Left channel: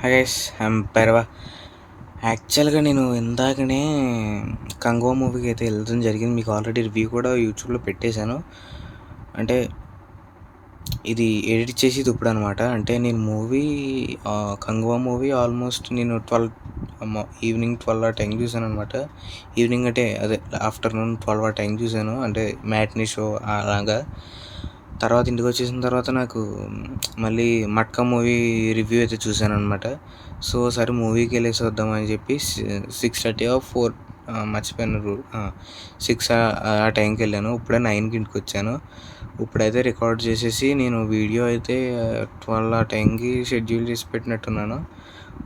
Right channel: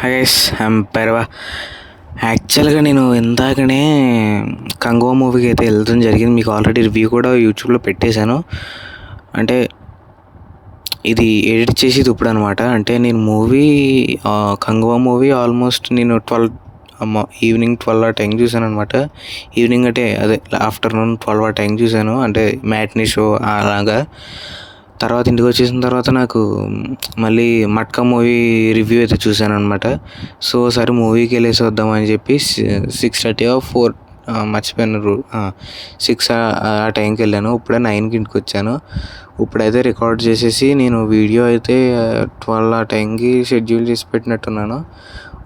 Hi guys, I'm Bhairava. యాక్చువల్గా నేను ఇందాకనే కంగువా మూవీకి అయితే వెళ్ళడం జరిగింది. మీకు ఆల్రెడీ రివ్యూ కూడా యూట్యూబ్లో పెట్టేశాను. అంటే ఇది ఎడిట్ చేసేది ఇప్పుడు అనమాట. అంటే నేను కంగువా మూవీ ఆల్మోస్ట్ నేను ఈవినింగ్ 12 ఆ టైం చూశాను అనమాట. ఈవినింగ్ అంటే అదే ఆఫ్టర్నూన్ 12 ఆ టైం చూశాను, అంటే మ్యాట్నీ షో అలాగా. తర్వాత ఇంటికి వచ్చేసిన తర్వాత నాకు మళ్ళీ మట్కా మూవీ రివ్యూ అయితే చూశాను అనమాట. సో సరే మూవీకి వెళ్ళేసి వద్దామని చెప్పి 6:30 4 మర్చిపోయాను, 6 ఆ టైంకి వెళ్ళాను. ఇప్పుడే 9కి ఇంటికి వచ్చాను. ఇప్పుడైతే రికార్డ్ చేసేసి నేను వీడియో అయితే 12 ఆ టైంకి షెడ్యూల్ చేసి పెట్టినట్టున్నాను.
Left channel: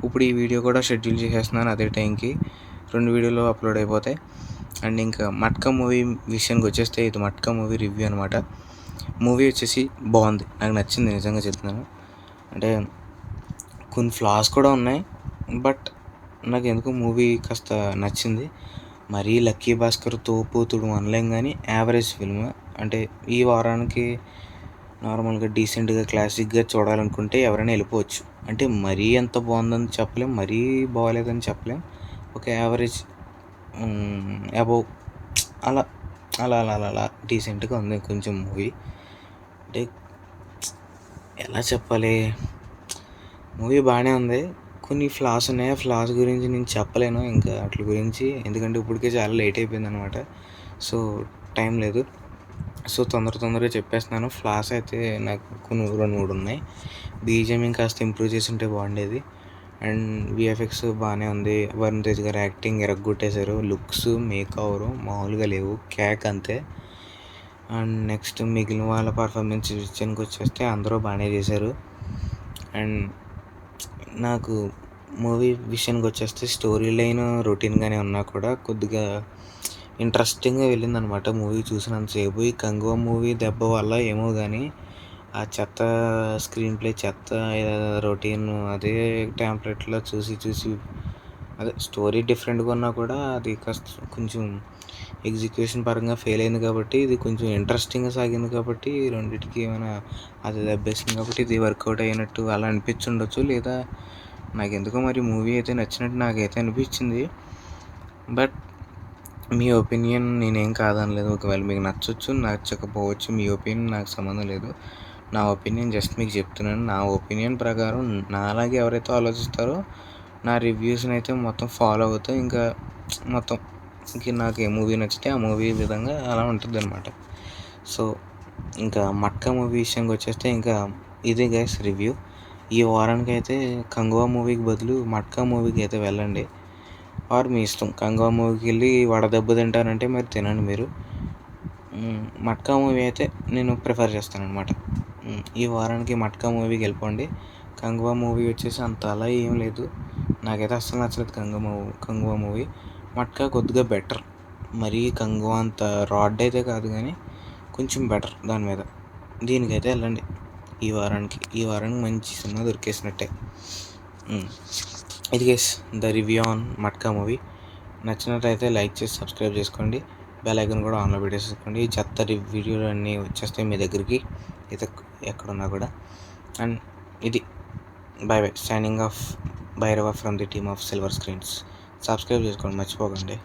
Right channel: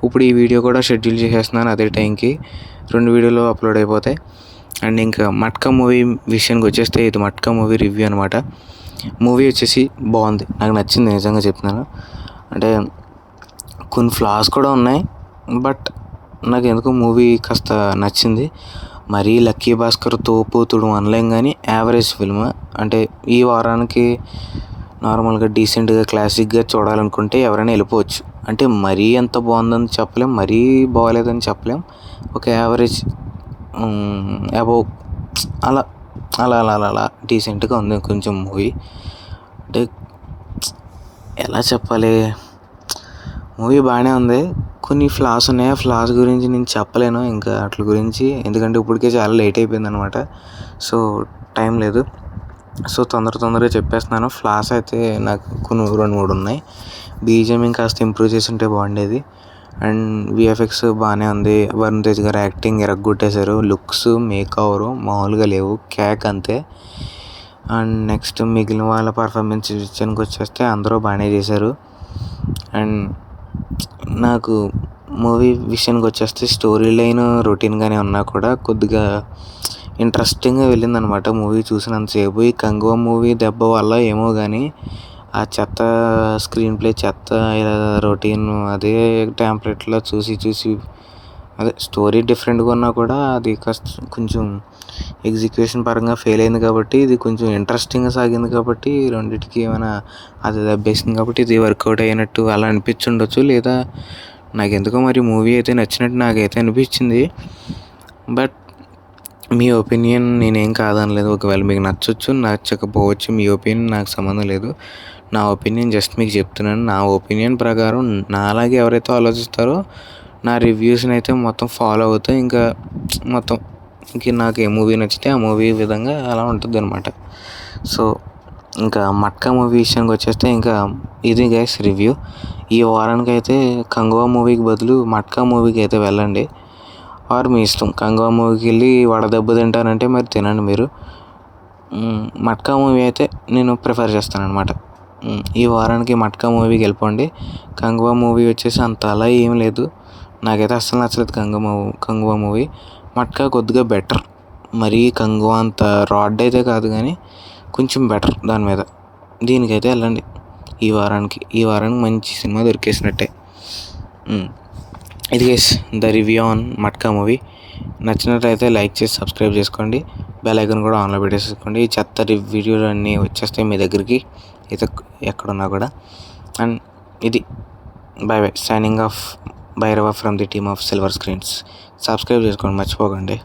ఇప్పుడు ఈ వీడియో కూడా షెడ్యూల్ చేసేస్తున్నాను అదే టైంకి. 2 వీడియోలు అప్లోడ్ అయిపోతాయి. అండ్ ఇంకా మట్కా మూవీ విషయానికి వచ్చేస్తే ఇది మట్కా మూవీ రివ్యూ అనమాట. మూవీ వచ్చేసి బాగుంది, నాకు నచ్చింది, నిజంగా చెప్తున్నాను. అంటే కొన్ని ఫ్లాస్ కూడా ఉన్నాయి, బట్ నాకు ఎందుకో మూవీ కాస్త నచ్చింది. మరీ లక్కీ భాస్కర్ తోపుతుడు అనలేం, కానీ యావరేజ్ ఫిల్మ్. అంటే ఈ వారానికి నార్మల్గా డీసెంట్గా క్లాసిక్గా చూడాలనుకుంటే ఎవరైనా వెళ్ళిపోవచ్చు. అంటే మరీ ఎంత బాగుందని చెప్పలేం, మరీ బాగోలేదని చెప్పలేం. ఒక యావరేజ్ అబౌవ్ అలా అలా అలా అలా అలా డీసెంట్గా ఉంది కొంచెం మూవీ. అంటే ఎలా చెప్పాలి, మూవీ బాగానే ఉంది. కొన్ని ఫ్లాస్ ఉన్నాయి, ఆ ఫ్లాస్ గురించి నేను చెప్పలేను ఇంకా వాటి గురించి, ఎందుకంటే ఇప్పటికే చాలా లేట్ అయిపోయింది అనమాట. సో టైం లేదు. సో తొందరగా చెప్పేస్తున్నాను. ఫ్లాస్ అయితే నాకు కొన్ని 2-3 ఉన్నాయి. బీజిఎం ఇంకాస్త ఇంప్రూవ్ చేసి ఉంటే బాగుండేది. అండ్ విఎఫ్ఎక్స్ బాగానే ఉంది. వరుణ్ తేజ్ గారు యాక్టింగ్ ఎరగొట్టేశారు. లుక్స్ మేకవరు మామూలుగా లేవు, క్యాక్ అంతే. అండ్ నెక్స్ట్ మిగిలిన వాళ్ళ పర్ఫార్మెన్స్ విషయానికి వచ్చేస్తే అందరూ బాగానే చేశారు. అండ్ నాకు మూవీ విషయానికి వచ్చేస్తే స్టోరీ లైన్ రొటీన్గానే ఉన్నా కూడా కొద్దిగా ఇంట్రెస్టింగ్గా వెళ్ళిందనమాట మూవీ చూసినంతసేపు. ఈ కంగువా మూవీ దెబ్బ వల్ల ఏమో కానీ ఆ చెత్త స్క్రీన్ ప్లే, చెత్త రొటీన్, అదే టెంప్లెట్లో చూసి అదే స్టోరీ డిఫరెంట్గా ఉన్నా కూడా అది కాస్త కొంచెం ఎగ్జిక్యూషన్ పరంగా ఫెయిల్ అయింది. కాబట్టి ఇది కొంచెం ఇంట్రెస్టింగ్గా సాగింది. కాబట్టి రెండింటికి ఏమైనా అది దెబ్బేసింది కాబట్టి ఇది వర్కౌట్ అయినట్టు అలా అనిపించుండొచ్చు. లేదా నాకెందుకో మరి మూవీ అయితే నచ్చినట్టు నాకైతే అనిపించింది. బట్ మీ ఒపీనియన్ నేనేం కాదనలేదు. ఒకవేళ మీకు నచ్చవచ్చు, నచ్చకపోవచ్చు, మీ ఒపీనియన్ నాకు సంబంధం లేదు. నా ఒపీనియన్ జస్ట్ మీకు చెప్తున్నాను. నా ఒపీనియన్ ప్రకారం నాలాగే ఎవరైతే ఆలోచిస్తారో నా రివ్యూస్ని అయితే మొత్తం ఫాలో అవుతా. ఇంకా మొత్తం ఇంక నాకు ఏ మూవీ నచ్చితే ఆ మూవీ విధంగా అలా ఉంటుంది అనమాట. సో ఇంకా మట్కా మూవీ విషయానికి వచ్చేస్తే ఇంకా ఇది గైస్ రివ్యూ. ఈ వారానికి అయితే కంగువా మూవీకి బదులు మట్కా మూవీకి అయితే వెళ్ళండి. ఆర్ మీ ఇష్టం, కంగువా మూవీకి వెళ్ళి వడదెబ్బ తింటానంటే మరి తినండి మీరు. మట్కా మూవీ అయితే నేను ప్రిఫర్ చేస్తాను అనమాట. ఈ వారానికి మట్కా మూవీకి వెళ్ళిపోండి. కంగువా మూవీ వచ్చేసి అంత అలా ఏం లేదు, నాకైతే అస్సలు నచ్చలేదు కంగువా మూవీ. మట్కా కొద్దిగా బెటర్, మరీ కంగువా అంత రాడ్ అయితే కాదు, కానీ కొంచెం బెటర్ దాని మీద. దీనికైతే వెళ్ళండి ఈ వారానికి మంచి సినిమా దొరికేసినట్టే. ఇది guys the review on matka movie. నచ్చినట్లయితే లైక్ చేసి సబ్స్క్రైబ్ చేసుకోండి. బెల్ ఐకాన్ కూడా ఆన్లో పెట్టేసుకోండి. ఈ చెత్త వీడియోలు అన్నీ వచ్చేస్తాయి మీ దగ్గరికి అయితే ఎక్కడున్నా కూడా. అండ్ ఇది by signing off Bhairava from the team of silver screens. Subscribe చేసుకోండి మర్చిపోకండి.